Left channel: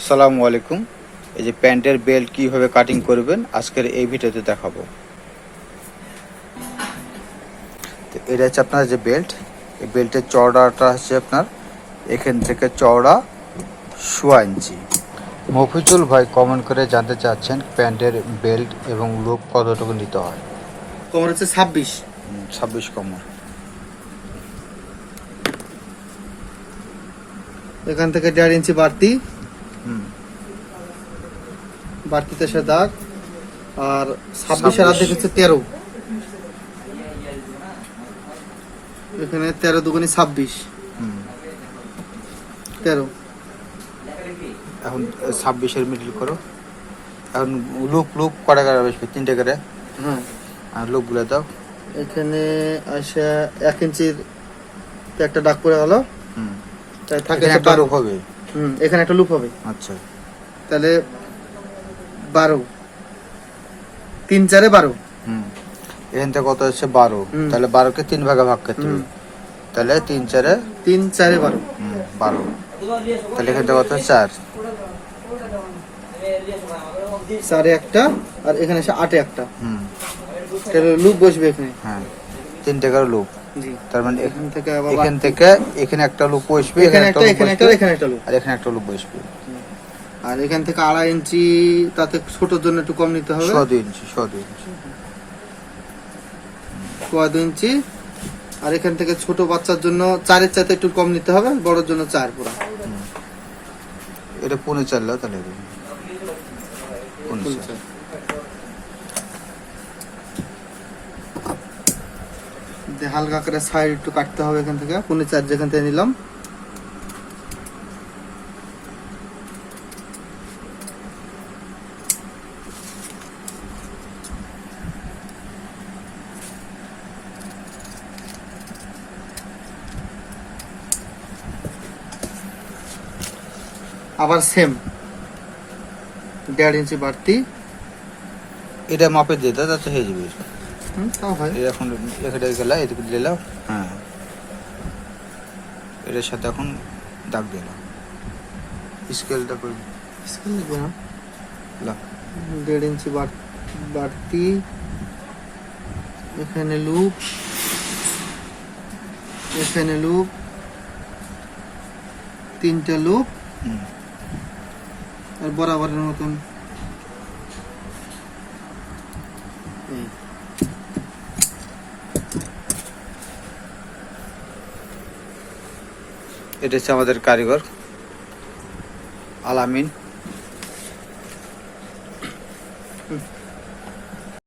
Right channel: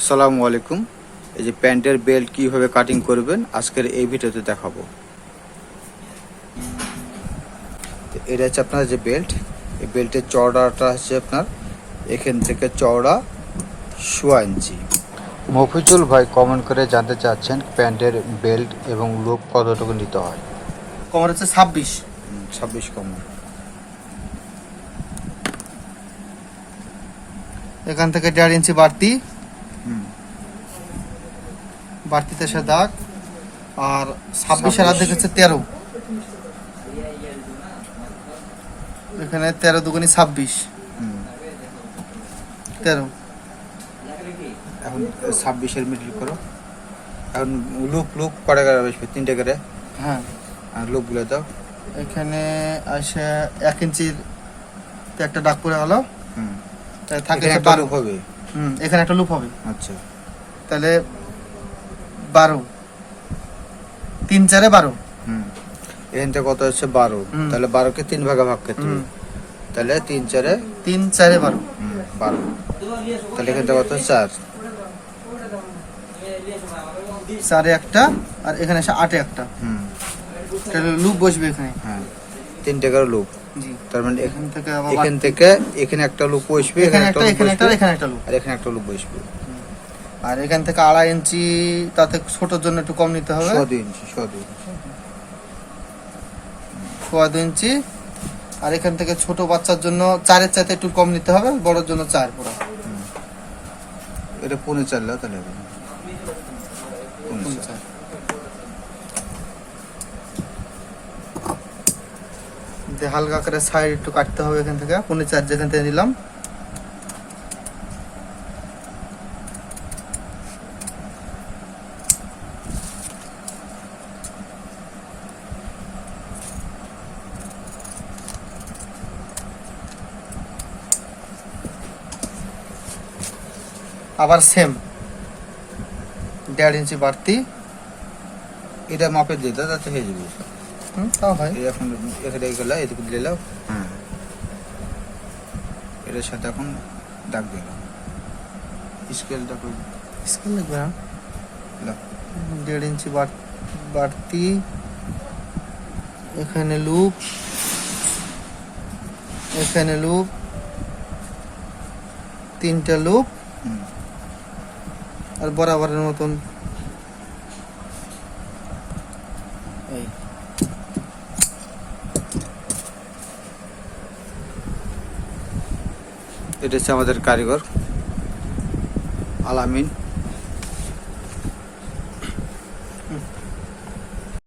আসসালামু আলাইকুম। এই যে প্যান্টের বেল্ট কীভাবে কাটিং করবেন আজকের এই ভিডিওতে দেখাবো। তো এটা হচ্ছে আপনার যে বেল্ট এই বেল্টের চওড়াটা হচ্ছে আপনার এখান থেকে চওড়া সোয়া ইঞ্চি। মফিজুল ভাই কমেন্ট করে জানতে চাচ্ছেন প্যান্টের বেল্ট এবং লুপ কতটুকু নিতে হয়। কোমর হচ্ছে ছাব্বিশ। ছাব্বিশ কমর এখান থেকে দেড় ইঞ্চি বাড়তি। বাড়তিতে সে দাগ আর ছাব্বিশের অর্ধেক হচ্ছে তেরো। এখানে তেরো দুগুনি ছাব্বিশ। হুম। তেরো। এখন ছাব্বিশের মিডল করো। এখন লুপ লুপ কটা করে বেশি? তিনটে করে? হ্যাঁ। আর লুপগুলো দাও। এখানে আসে এক ইঞ্চির একটা ডাক পড়ে গেল। হুম। তাই থাকে একটা লুপ হবে? হুম এখানে একটা লুপ হবে। আচ্ছা। তাহলে বারো। তিন চারে বারো। হুম। এখান থেকে কত হচ্ছে? বারো। তাহলে বারোকে তিন ভাগে ভাগ করতে হবে। তাহলে তিন চারে তিন চারে বারো। বারো। তাহলে এখান থেকে কত? চার। চারে একটা আর এখানে এসে আটে একটা। হুম। তাহলে লুপ বসবে এখানে। হ্যাঁ। তিনটে করে লুপ। তার মানে এখান থেকে এখান থেকে এখানে একটা লুপ বসবে এখানে একটা loop বসবে, এখানে একটা লুপ। আর এখানে একটা লুপ বসবে। আর এখান থেকে আড়াই ইঞ্চি তাতে ছোটোর জন্য একটু কম নিতে হবে। ইঞ্চি ইঞ্চি। আর এখান থেকে ছোট বাচ্চার জন্য চারের চাতে একটু কম নিতে হবে বড়র জন্য চার পুরো। এটা পৌনে চারলেও তাহলে হবে। পৌনে চার। দিয়ে হালকা করে সাইড একটু কাটতে হবে এখান থেকে। পনেরো চার যেখান থেকে নিলাম। আবার সেম দেড় ইঞ্চি বাড়তি। এটা মাপে দিয়ে দাও তাতে হয়ে যাবে। হুম, তাও হয়। এখন এখানে গেলা এদিকে দিলে নাও। হ্যাঁ। এটার সাথে এখন দাগ দিলাম স্কেলটা করে স্কেল লাগবে না। দেড় ইঞ্চি বাড়- বাড়তি। এখানে লুপ এখানে লুপ তিনটা লুপ হুম। আর বরাবরের মতন। এটা হচ্ছে আমাদের কারিগর আলামিন।